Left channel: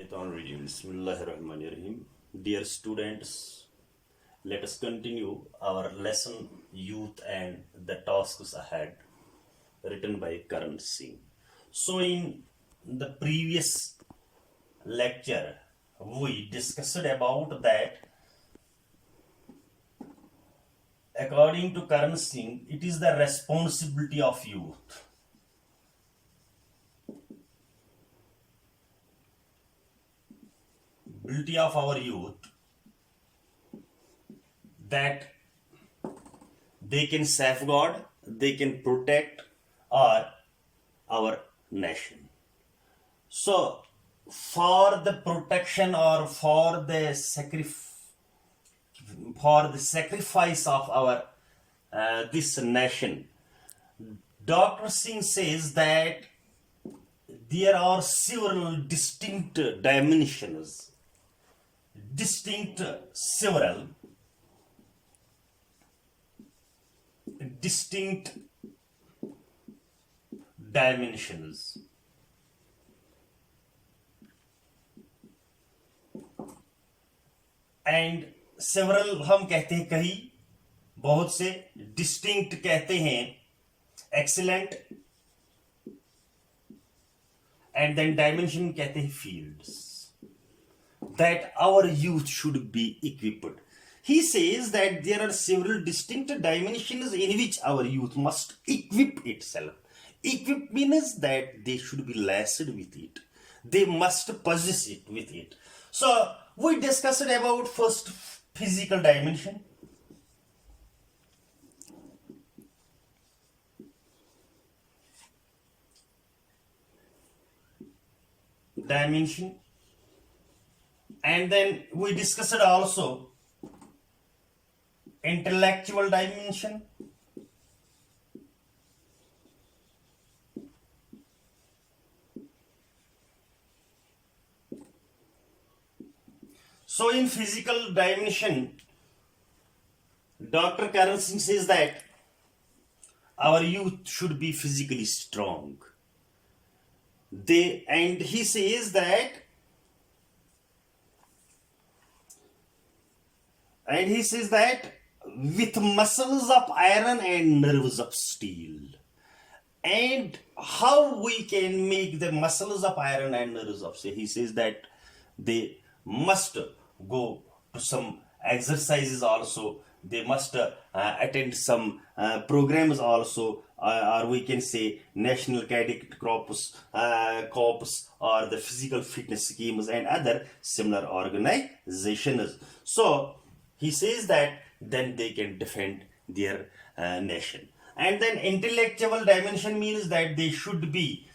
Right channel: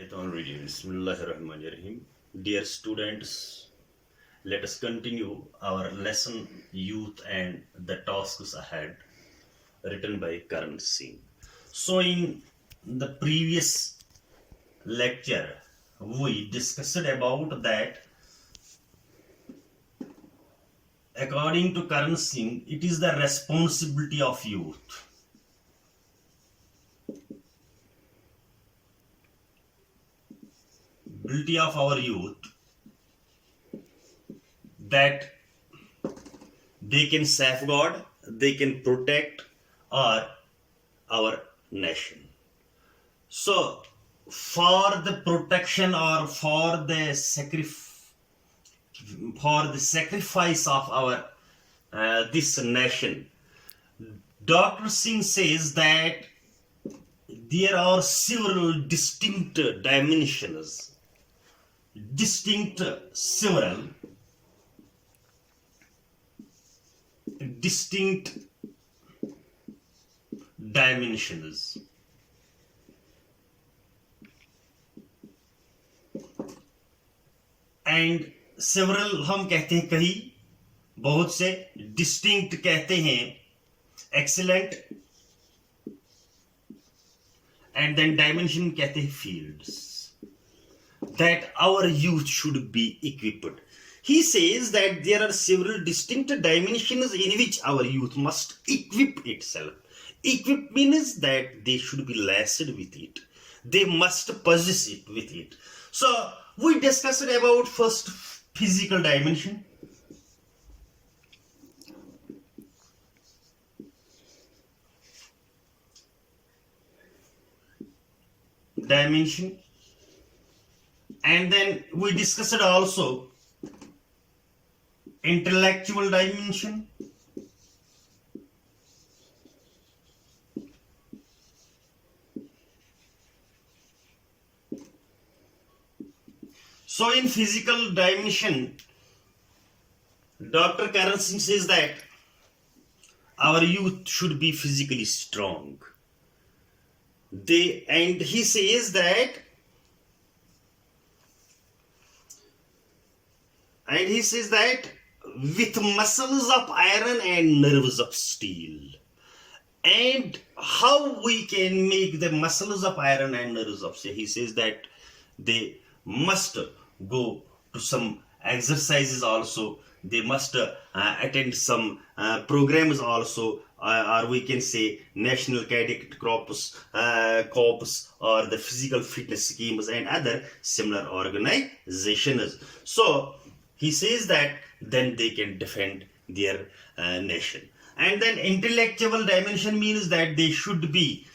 Bismillahirrahmanirrahim. Dear students, let us continue our lesson Youth and the Tasks Ahead, written by Karan Singh. So, in the previous lecture, we discussed about that. According to Karan Singh, it is the responsibility of youth ability of our youth that they can safeguard, they can protect our nation. So, for the protection or for the sacrifice of our this nation, Dr. Singh says that there are several distinct dimensions, distinct dimensions. And several हम कहते हैं कई, बहुत से, distinct कहते हैं excellent, and then dimension कहते हैं fields that our youth should be equipped. He says that there are several distinct dimensions in which our youth must equip itself. Equip means that they should be laced with it. They must possess it with it. So, we discussed about first physical dimension. And then we discussed also intellectual dimension. So in physical dimension, Dr. Karan Singh says that our youth should be physically strong. And he says that with muscles of iron and nerves of steel. And how we can make the muscles of iron and nerves of steel? He says that they must go to some exercises also. They must attend some programs also, or we can say National Cadet Corps, or the physical fitness schemes and other similar organizations. So he says that then they can defend their nation. And then intellectual dimension means that they should be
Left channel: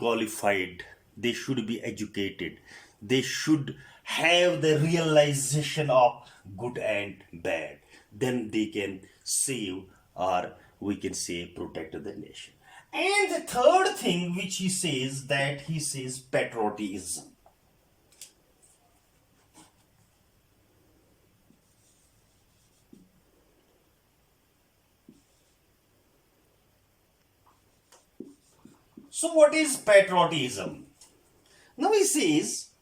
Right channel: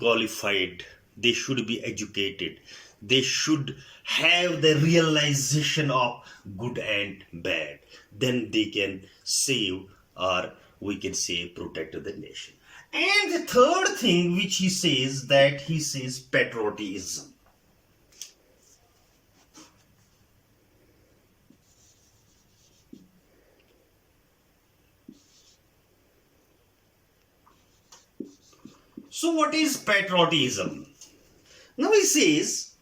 qualified, they should be educated, they should have the realization of good and bad. Then they can save, or we can say protect the nation. And the third thing which he says patriotism. So what is patriotism? Now he says,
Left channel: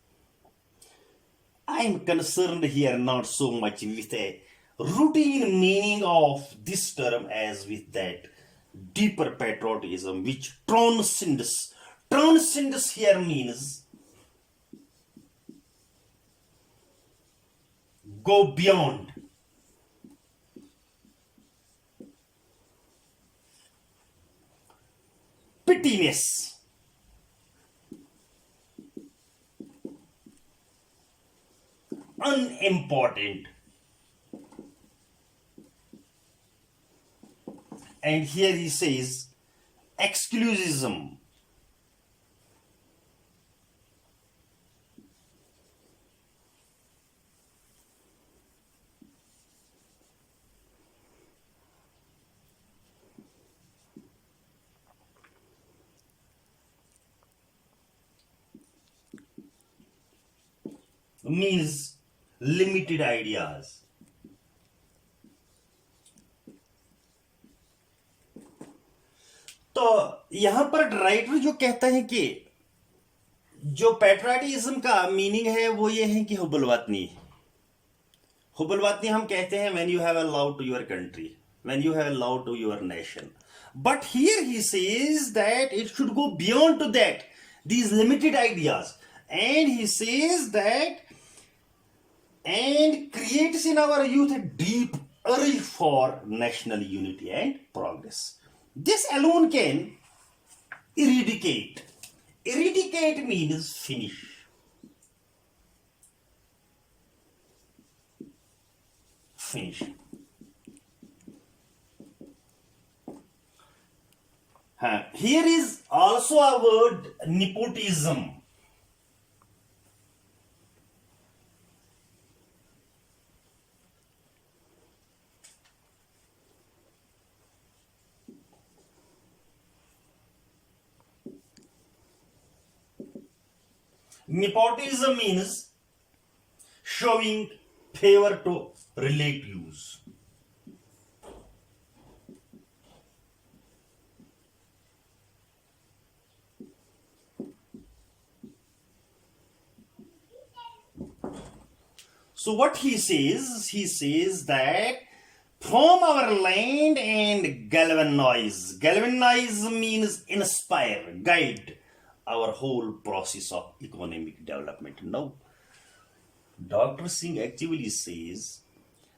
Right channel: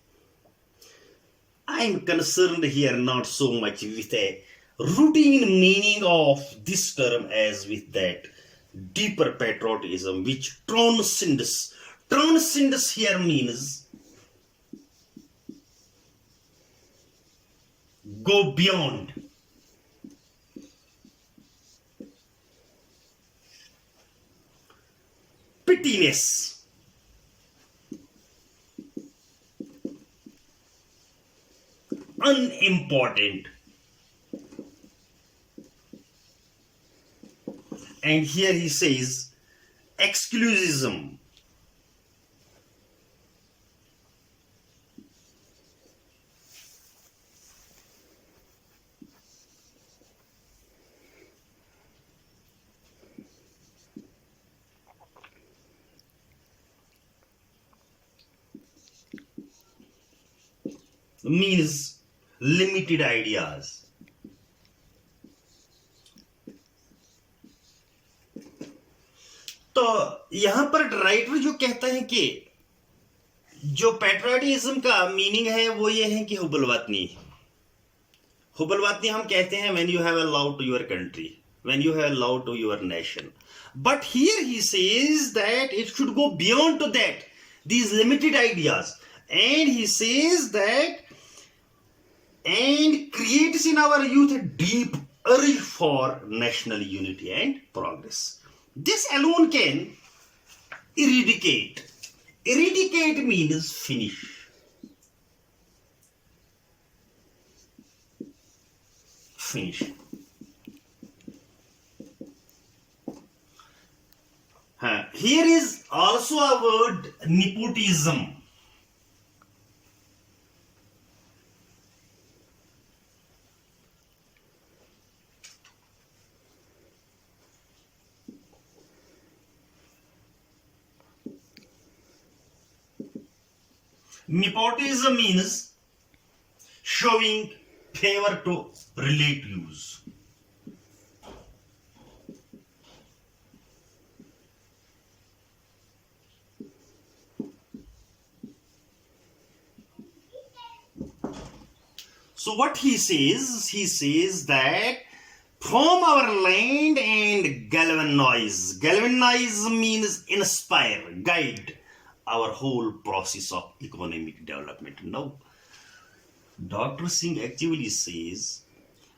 I am concerned here not so much with a routine meaning of this term as with that deeper patriotism which transcends. Transcends here means go beyond. Pettiness. Unimportant. And here he says exclusivism. Means limited ideas. तो यहां पर writer जो कहता है कि जो patriotism का meaning है वो ये है कि हुब्बुल वतनी, हुब्बुल वतनी हम कहते हैं when you have a love to your country, when you have a love to your nation. But here he says that it should go beyond to that, these limited ideas. And he says that, and creates in our youth a deep urge for national unity and progress. This alone can eradicate. Eradicate means finish. Finish. Here is also a word, nepotism. Nepotism means showing favor to relatives. So what he says that from our land and galvanize means inspire, guide our whole process of economic development. Now, Dr. Singh actually says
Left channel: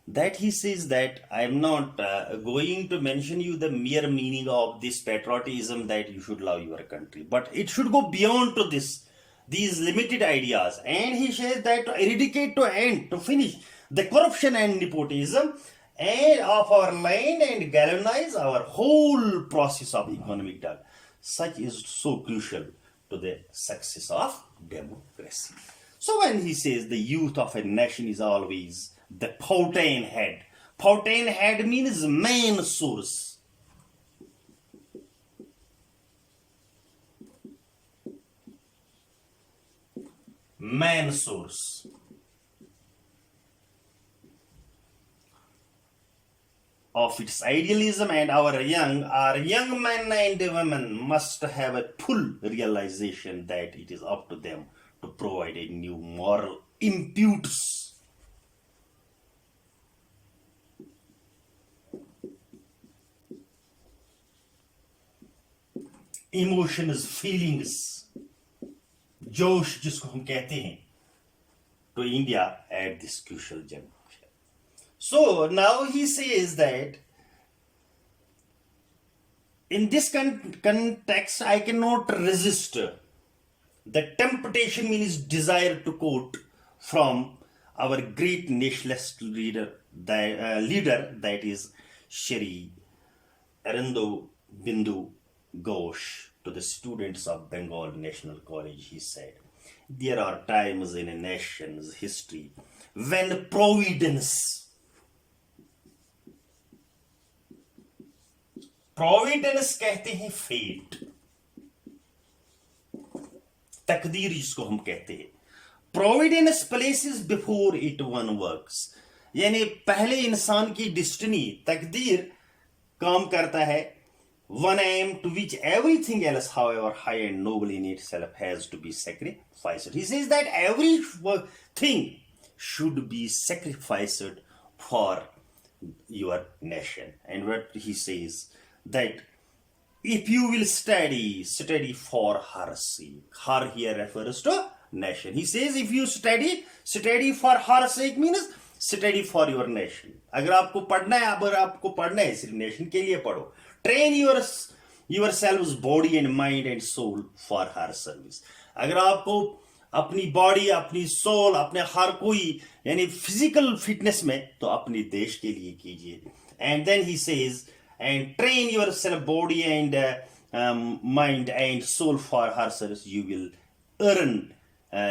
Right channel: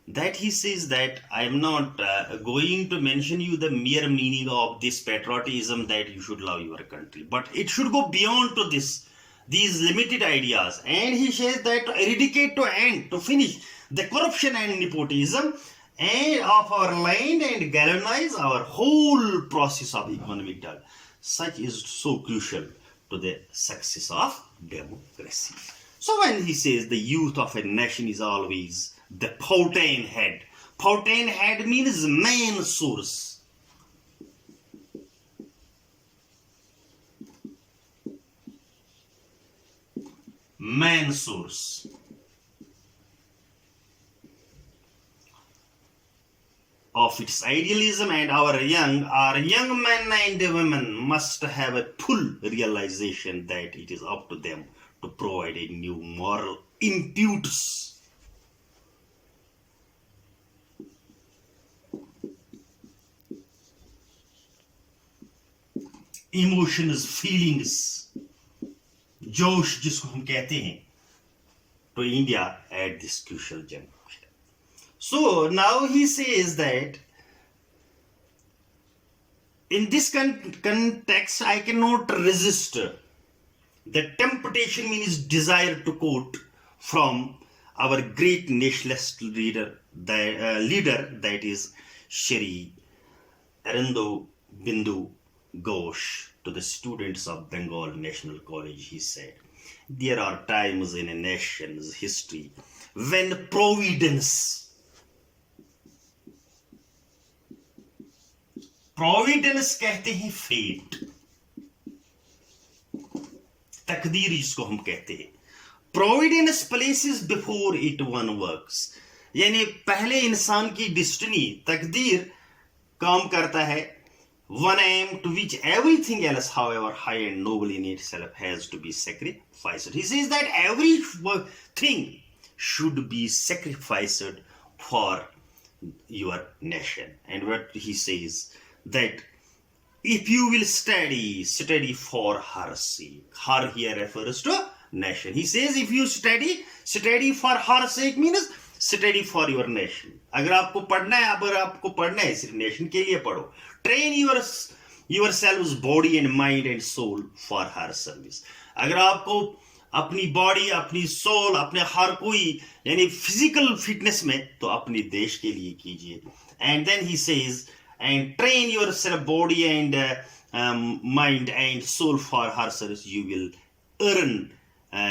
that I am not going to mention you the mere meaning of this patriotism that you should love your country, but it should go beyond to these limited ideas. And he says that to eradicate, to end, to finish the corruption and nepotism and of our land and galvanize our whole process of economic development. Such is so crucial to the success of democracy. So when he says the youth of a nation is always the fountain head. Fountain head means main source. Man source of its idealism, and our young men and women must have a full realization that it is up to them to provide a new moral impetus. Emotions, feelings, जोश जिसको हम कहते हैं, to India at this crucial juncture. So now he says that in this context I cannot resist the temptation, means desire, to quote from our great nationalist leader that is Shri Arindam Bindu Ghosh. To the students of Bengal National College, he said, there are times in a nation's history when providence कहते हैं fate, तकदीर जिसको हम कहते हैं. Providence places before it one works, यानी पहले इंसान की destiny, तकदीर काम करता है, one aim to which everything else, however high and noble in itself, has to be sacrificed. He says that every thing should be sacrificed for your nation. And what he says that if you will study for her sake. Her here refers to nation. He says if you study for her sake means study for your nation. अगर आपको पढ़ना है सिर्फ nation के लिए पढ़ो. Train yourselves body and mind and soul for her service. अगर आपको अपनी बॉडी, अपनी सोल, अपने हर कोई यानी फिजिकल फिटनेस में, तो अपने देश के लिए कीजिए. And then he says, and train yourself body and mind and soul for her service. You will earn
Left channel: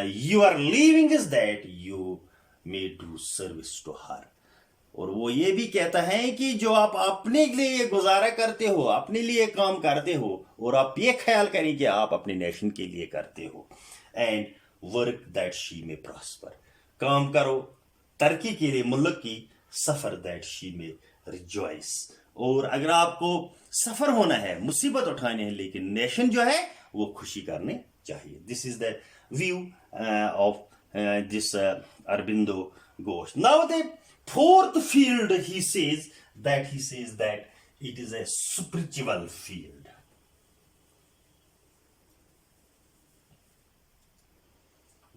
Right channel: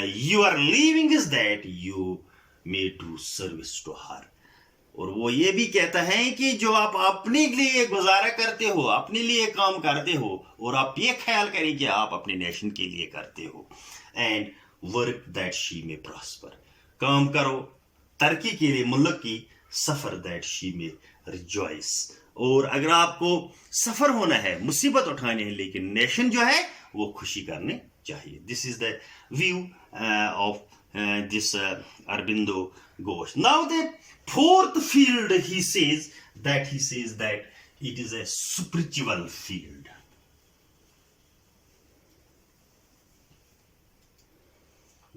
your living is that you may do service to her. और वो ये भी कहता है कि जो आप अपने लिए गुजारा करते हो, अपने लिए काम करते हो, और आप ये ख्याल करें कि आप अपने नेशन के लिए करते हो. एंड वर्क दैट शी में प्रॉस्पर, काम करो तरक्की के लिए मुल्क की, सफर दैट शी में रिजॉइस. और अगर आपको सफर होना है, मुसीबत उठाने हैं, लेकिन नेशन जो है वो खुशी करने chahiye. This is the view of this Aurobindo Ghosh. Now the fourth field, he says that it is a spiritual field.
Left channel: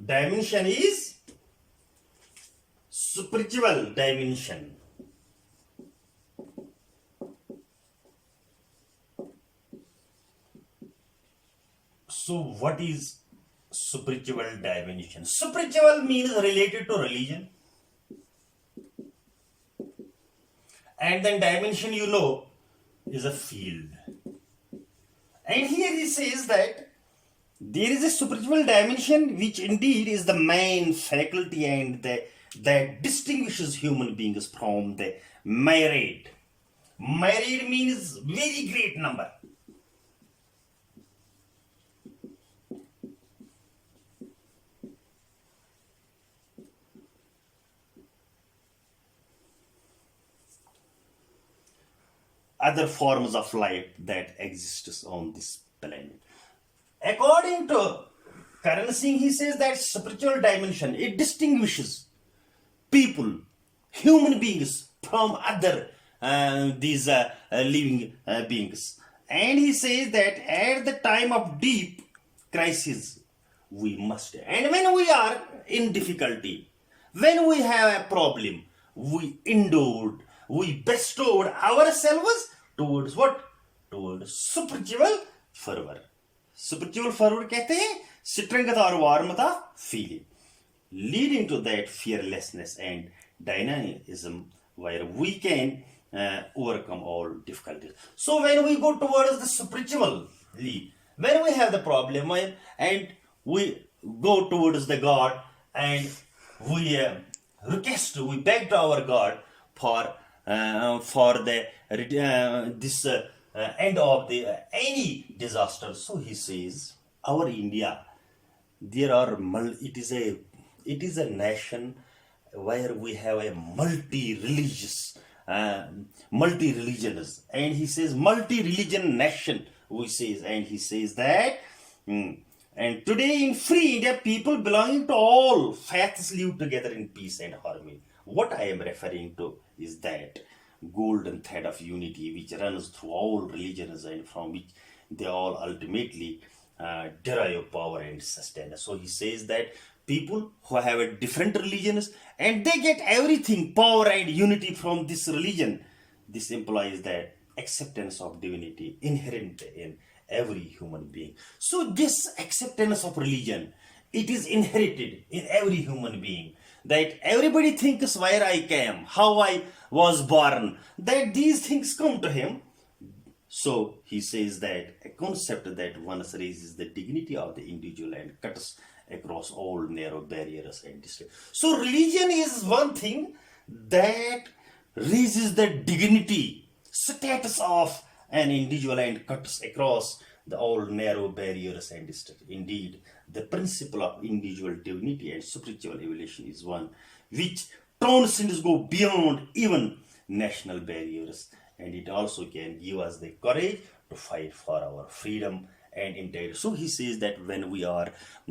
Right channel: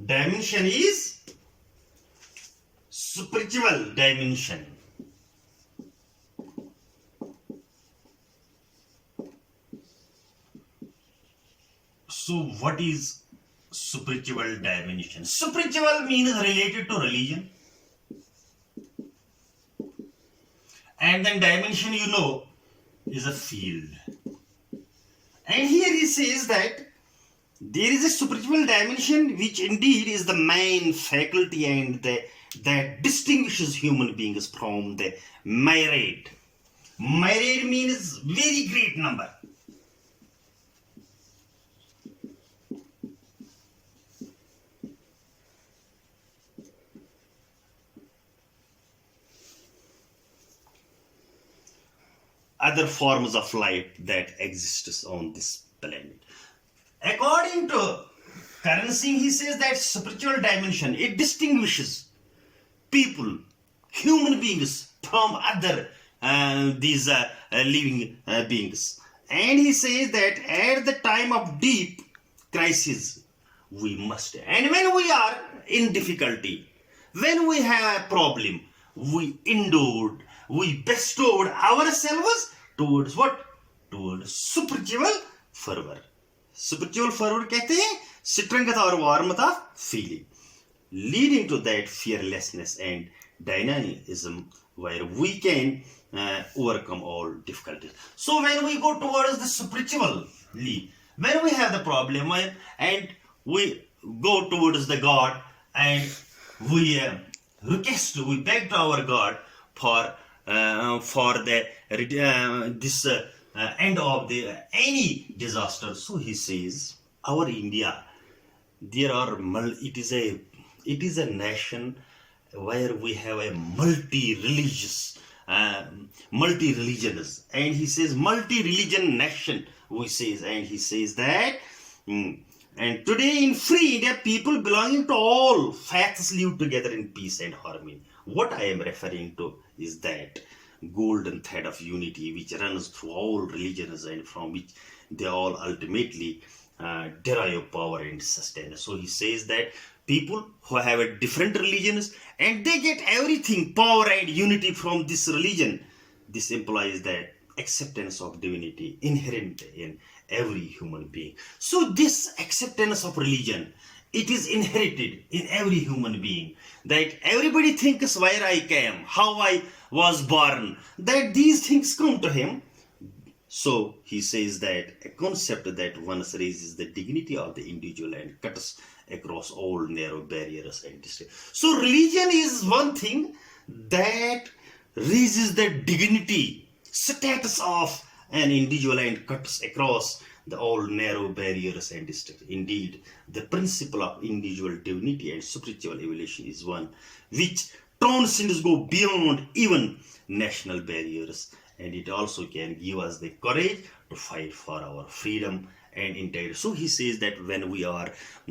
Dimension is spiritual dimension. So what is spiritual dimension? Spiritual means related to religion. And then dimension, is a field. And here he says that there is a spiritual dimension which indeed is the main faculty and that distinguishes human beings from the myriad. Myriad means very great number. Other forms of life that exists on this planet. According to Karan Singh, he says that spiritual dimension, it distinguishes people, human beings from other these living beings. And he says that at the time of deep crisis, we must. And when we are in difficulty, when we have a problem, we bestowed ourselves towards what? Towards spiritual fervor. Spiritual fervor कहते हैं strength और warmth of feeling, leading to that fearlessness and dynamism where we can overcome all difficulties. So when we go towards the spiritually, when we have the problem and we go towards the God and we we beg to our God for the this end of the any disaster. So he says, our India, there are it is a nation where we have a multi-religious, multi-religionist, and he says multi-religion nation. And he says that. And today in free India, people belonging to all faiths live together in peace and harmony. What I am referring to is that golden thread of unity which runs through all religions and from which they all ultimately derive power and sustenance. So he says that people who have a different religions and they get everything, power and unity from this religion. This implies that acceptance of divinity inherent in every human being. So this acceptance of religion, it is inherited in every human being, that everybody thinks where I came, how I was born, that these things come to him. So he says that a concept that once raises the dignity of the individual and cuts across all narrow barriers and distance. So religion is one thing that raises the dignity, status of an individual and cuts across the all narrow barriers and distance. Indeed, the principle of individual dignity and spiritual evolution is one which transcends, go beyond even national barriers, and it also can give us the courage to fight for our freedom and integrity. So he says that when we are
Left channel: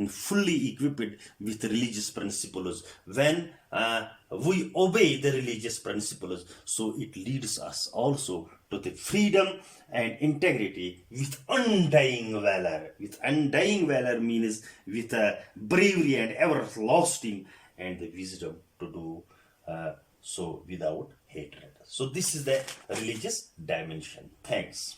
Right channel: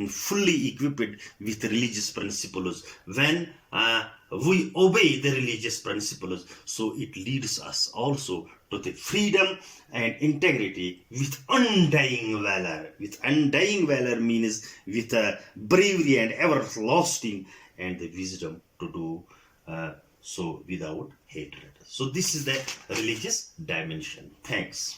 fully equipped with religious principles, when we obey the religious principles, so it leads us also to the freedom and integrity with undying valor. With undying valor means with bravery and everlasting and the wisdom to do so without hatred. So this is the religious dimension. Thanks.